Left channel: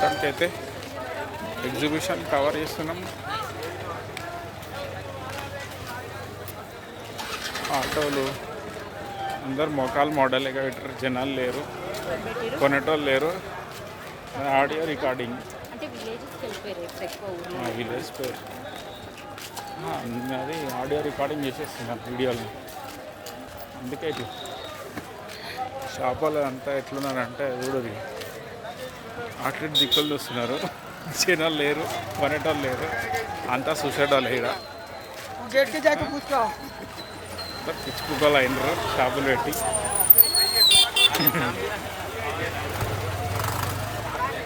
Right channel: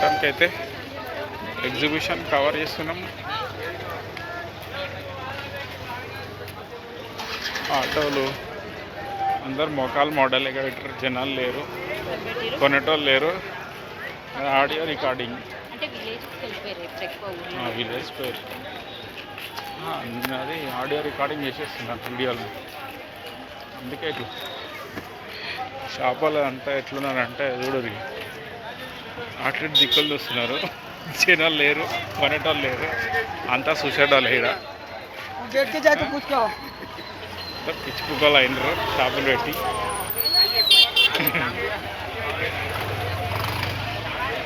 మొత్తానికైతే exhibition cover చేస్తున్నాం. ఆటోలు అందరు మొఖాలు మోడల్గా పెట్టారు, జనాలు లేరు, కొనేటోళ్ళు లేరు. ఆడియో రికార్డింగ్ విలేజ్ పేరు అది ఆడియో రికార్డింగ్ చేసేస్తున్నారు వీడియోలు. అందుకే ఇట్లా షాపులు అంతా ఎట్లున్నారంటే చూడరు, అట్లా దిక్కులు చూస్తున్నారు, జనాలు లేరు, కొనేటోళ్ళు లేరు, అంతా చూసేటోళ్ళు ఇక్కడ పిచ్చి కుక్కలు అయినరు షాపులు పెట్టి.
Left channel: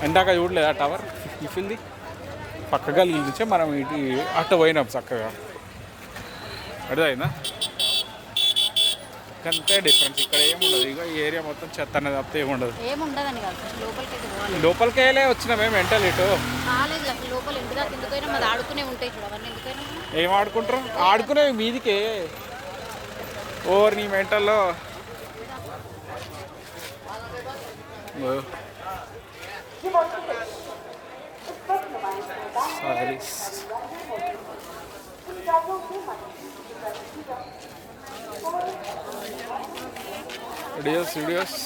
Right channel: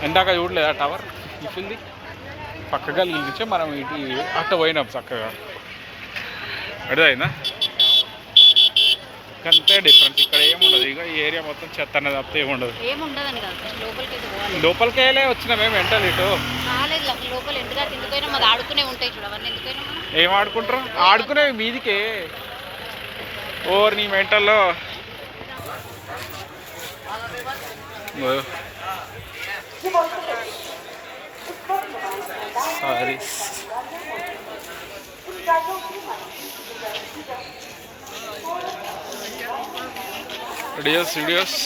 ఇందాక చూడలేదా టవర్ ఇఫిల్ది చక్కగా నిలిచే మనం ఇటు అట్ట పోయినాం చక్కగా. అర్థమైందా? అంతే డిఫరెన్స్. ఇక్కడ ఏముండదు, ఇక ఈ ఏరియా మొత్తం చెత్త అనేది తప్పితే ఏముండదు. లోపలికి వెళ్ళే వచ్చినా మేము వెంటనే ఇటు ఏం ఆడుకుంటారు? ఆడుకునేవి మీదికే ఓర్ నీ మెంటల్లో. Sorry videos